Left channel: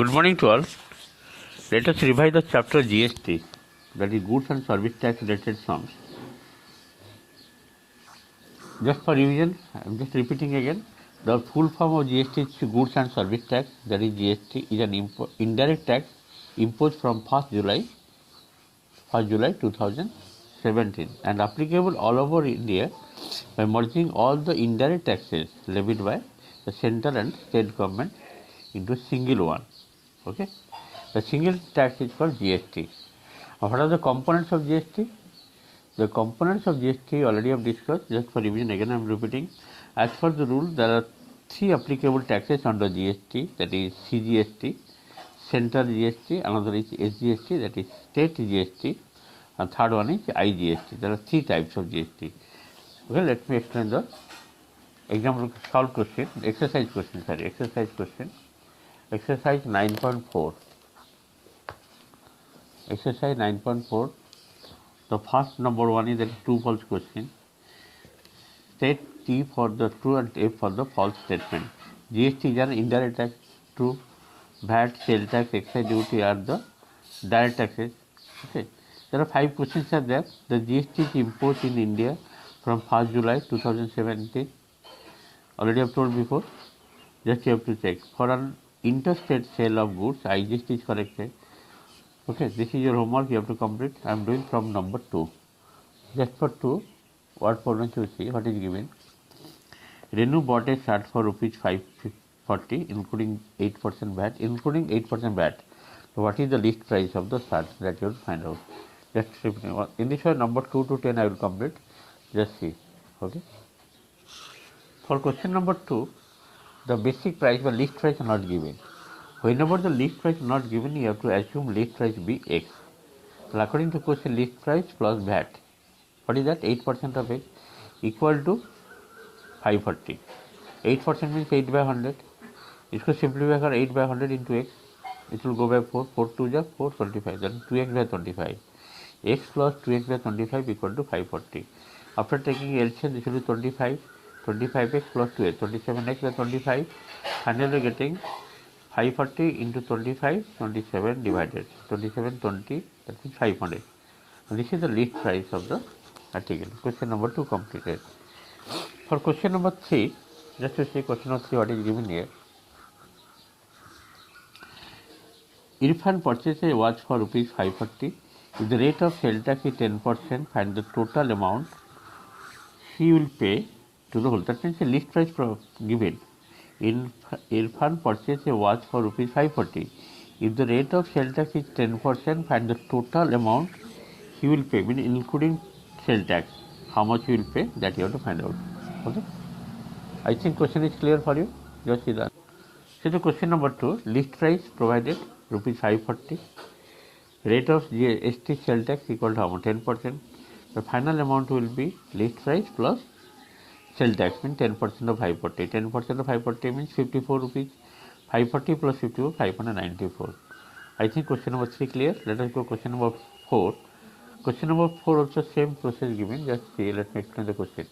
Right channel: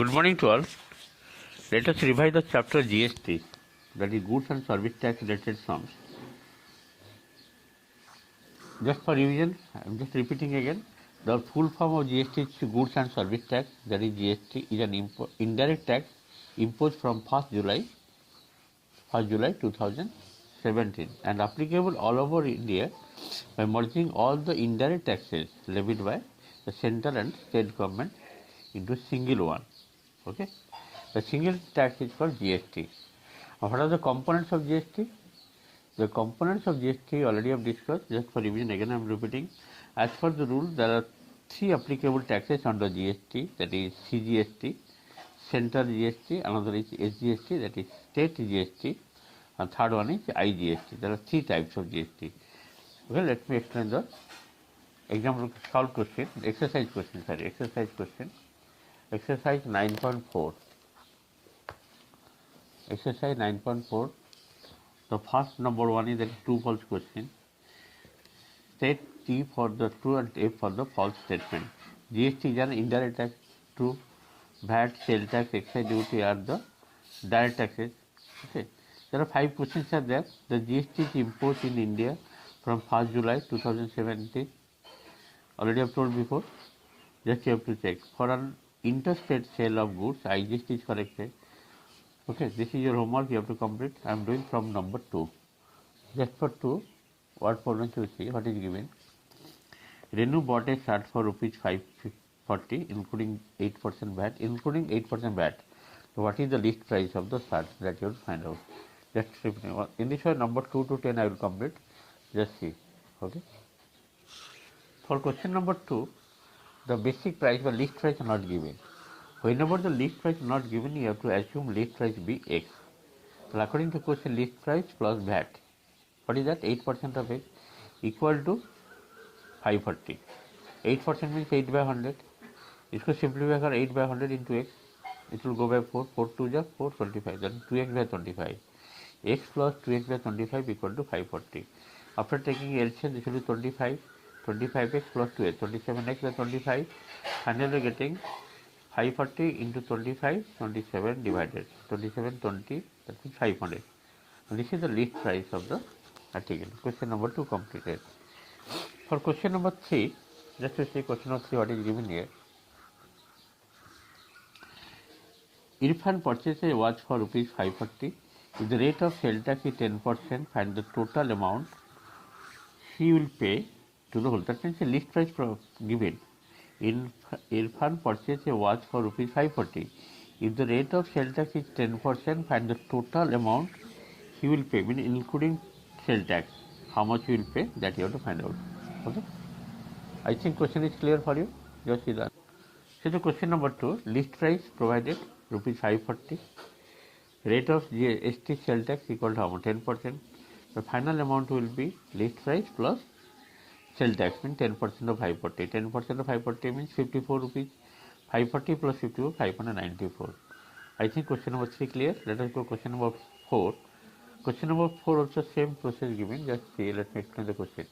Good morning to all. Let us revise the chapter GST, that is Goods and Service Tax related sums. Just for revision, I am just repeating again. The full form of GST is Goods and Service Tax, that is GST, is an indirect tax imposed from 1st July 2017 and applicable all over India by merging all the indirect taxes levied by the central and state government into single one. Okay, the single tax is called GST. What are the components of GST? The components of GST already have discussed. Just for revision again I am repeating. As per the rule, there are three applicable taxes under GST, that is CGST, central GST, another is SGST, that is state GST, and third one is IGST. There are three types of GST. Okay, let me explain the example solved question, exercise question. Exercise 9.4. Exercise 9.4. The first number one is a true false question. State T for the true and F for the false statement. GST is an indirect tax. True. VAT, sales tax, excise duty are the direct taxes. Okay. There are 5 questions are there. The GST is imposed in India from 1st July 2017. Already I have told before. Just you have to check. For an interstate sale of goods, IGST is corrected. Okay, this is your homework, you have to complete. I am doing from number 2. Just for 2, what problems you see, what is given. Renu bought a shirt for rupees 540, including 8% VAT. Including 8% VAT. So what is the list price of the shirt that you will find out? Just in this one, number 2 to 10 I will complete. Just see. Okay. For question number 2, the basic price or list price are not given. Whenever the list price is not given, you have to assume list price be X. Well, according to question, list price plus VAT. What is that? 8% of X equal to 540. 8% means 8 by 100. इसको simplify कर 8 by 100 into X. It will go by 4. 4 2 जा 4 25. Then 2X by 25. X plus 2X by 25 equal to 540. After taking LCM, this will be 25. 25x plus 2x, 27x by 25. Finally getting 540 into 25, 27 divided. 27, 20, that is 500. And this is the list price of the article. Question number 2 completed. For question number 3, just to see question number 3 what is given here. Irfan purchased a watch for rupees 540. If the rate of sale tax is 10%, find the total amount he will pay to the whole. That means a list price given. Irfan purchased a watch for rupees 540. If the rate of sale tax is 10%, find the total amount he will pay, meaning including sale tax. How much he will pay, that you have to find out. Okay. I think question is clear for you. Just see that. So the question number 2, list price provided rupees 540. Rate of GST sale tax equal to how much? 10%. The final amount will be list price plus sale tax, means 10% of 540. 10% of 540 means 54 rupees. 540 plus 54, 594. I think question number 3 clear. Let us go question number 4. Question number 4 also same process given. Just see, let me explain the question.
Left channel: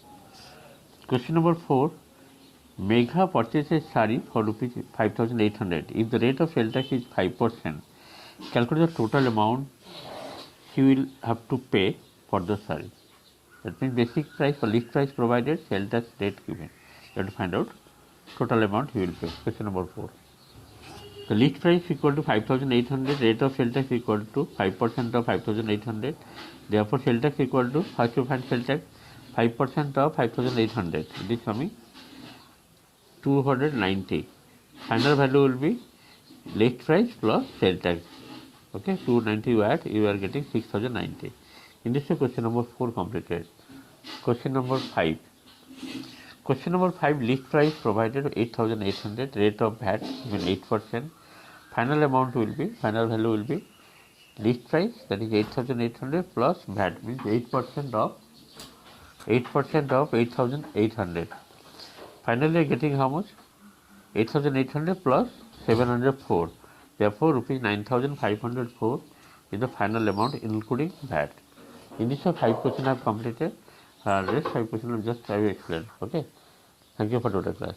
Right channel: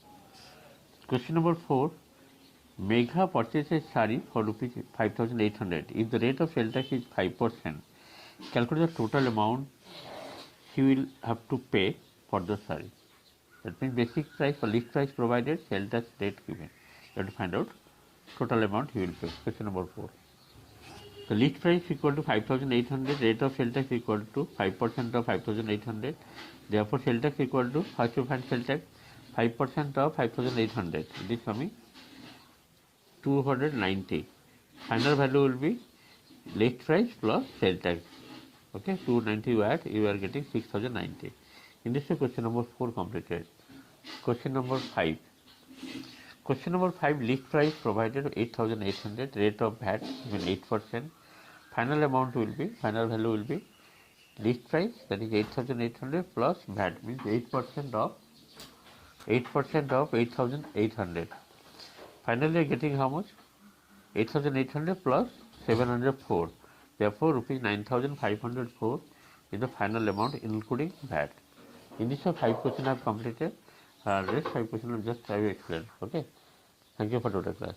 Question number 4. Megha purchases sari for rupees 5,800. If the rate of sale tax is 5%, calculate the total amount he will have to pay for the sari. That means basic price or list price provided, sale tax rate given. You have to find out total amount he will pay. Question number 4. The list price equal to 5,800, rate of sale tax equal to 5% of 5,800. Therefore, sale tax equal to, first you find sale tax, 5% of 5,800. It is coming 290. Final value will be list price plus sale tax. Okay, 290 you add, you are getting 6,090. In this way, question number 4 completed. Question number 5. Question number 5, list price provided 8,800, rate of VAT given 8%. Final amount will be, final value will be list price, that is 8,800 plus VAT, means 8% of 8,800. Finally getting how much? 8,800 plus 704. Therefore, rupees 9,504 is the final amount including VAT. In this 5 questions I have completed. Rest 5 questions just I will explain. Okay. Thank you for total class.